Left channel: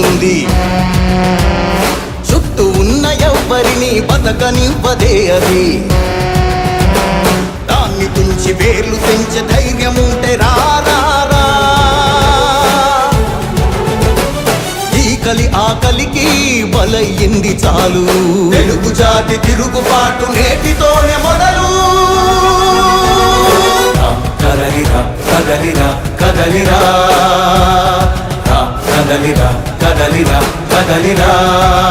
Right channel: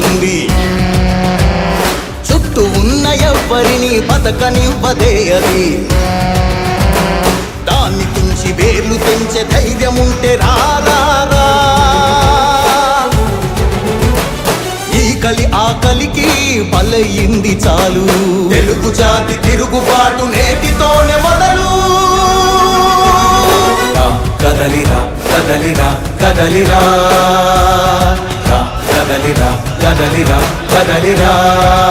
ఉంటుంది చుట్టూ ఉన్న ఎవ్వరిని బతకనివ్వదే అది. దాన్ని తుంచి వేలు తుంచే ధైర్యం ఉంటే రారా ఈ కలి ఆకలికి బలయింది చాలు. తెలుగు జాతి తిరుగుబాటునే না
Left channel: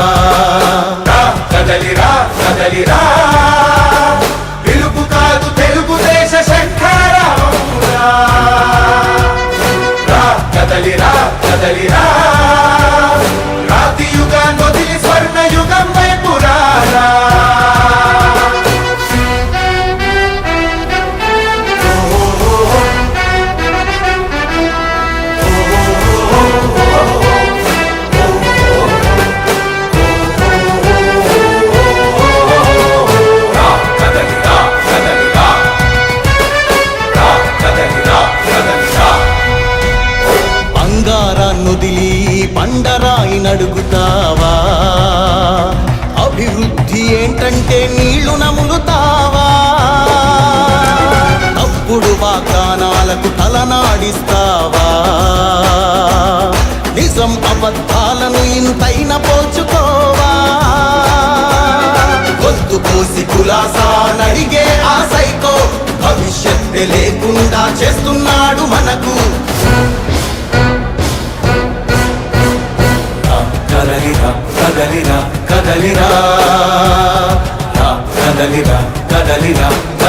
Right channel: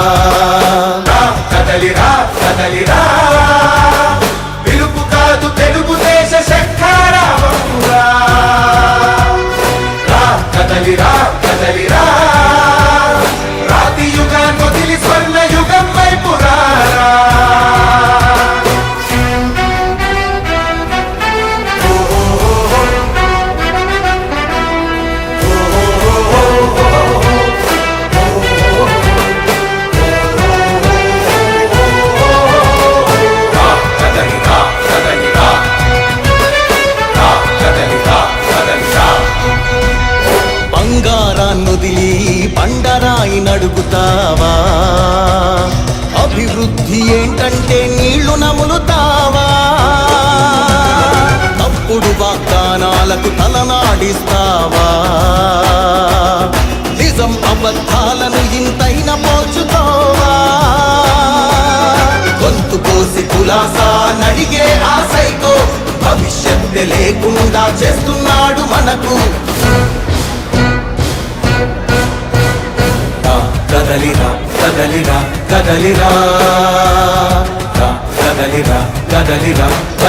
juntas.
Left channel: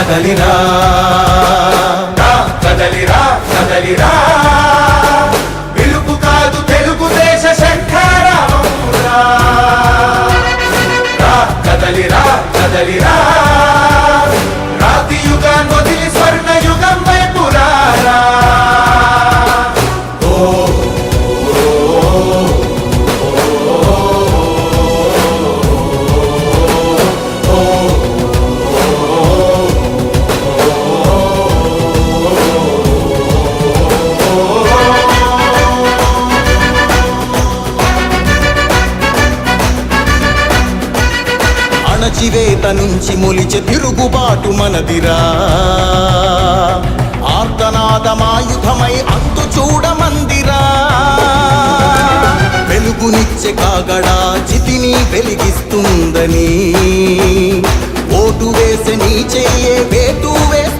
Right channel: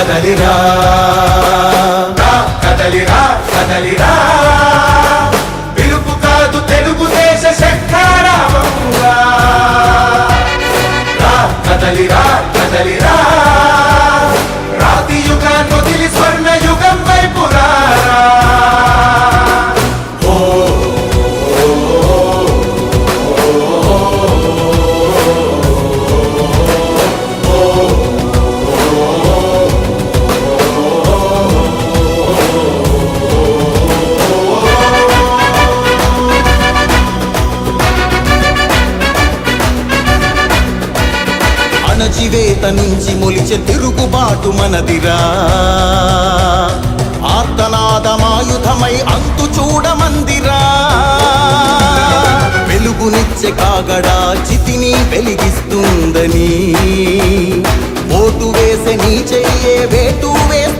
కదలిరా కదలిరా కదలిరా. పిలుపు కాదు తెలుగుదేశ శంఖారామమురా. కదలిరా కదలిరా. నుంచి మొలిచే తిరుగుబాటు మనదిరా. ఆర్తనాదమాయుధమై అంతు చూడమందిరా. వెలుగునిచ్చే కాగడా చితిని వెలిగిస్తుందని. ఓటు వేసే నీ చెయ్యే వేటు వేస్తే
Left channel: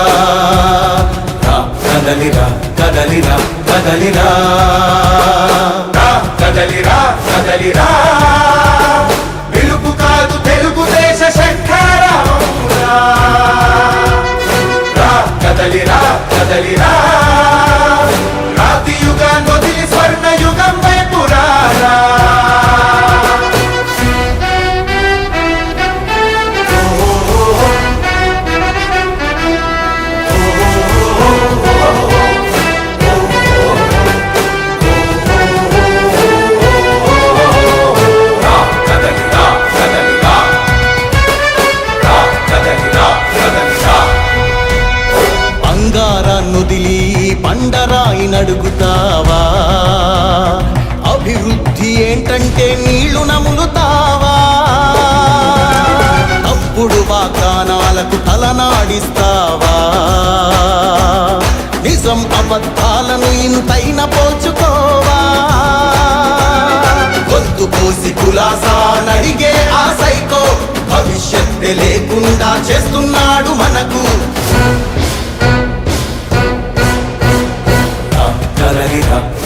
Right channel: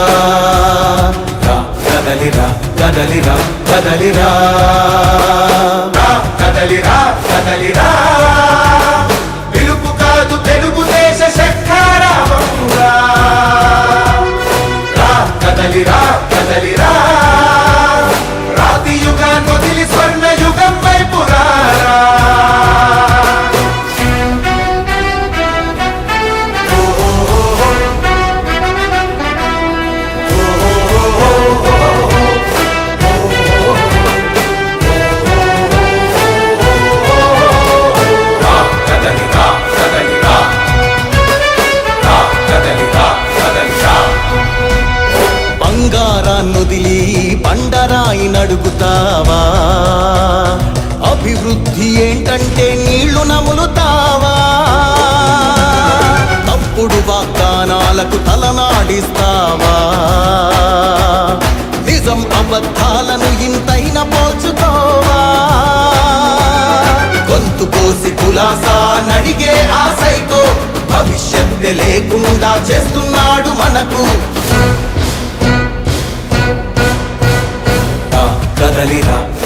కదలిరా కదలిరా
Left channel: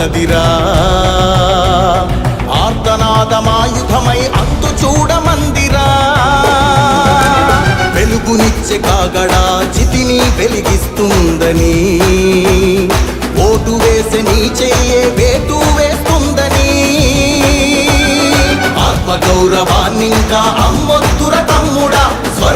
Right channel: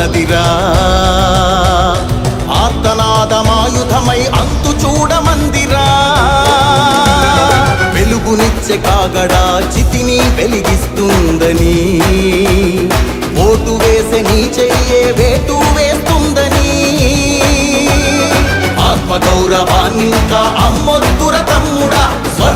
మనదిరా ఆర్తనాదమాయుధమై అత్తు చూడ మందిరా. వెలుగునిచ్చే కాగడా చితిని వెలిగిస్తుందని. ఓటు వేసి నీ చెయ్యే వేతు వేస్తుందని. ఆత్మగౌరవాన్నింకా అమ్మొద్దుర తమ్ముడా.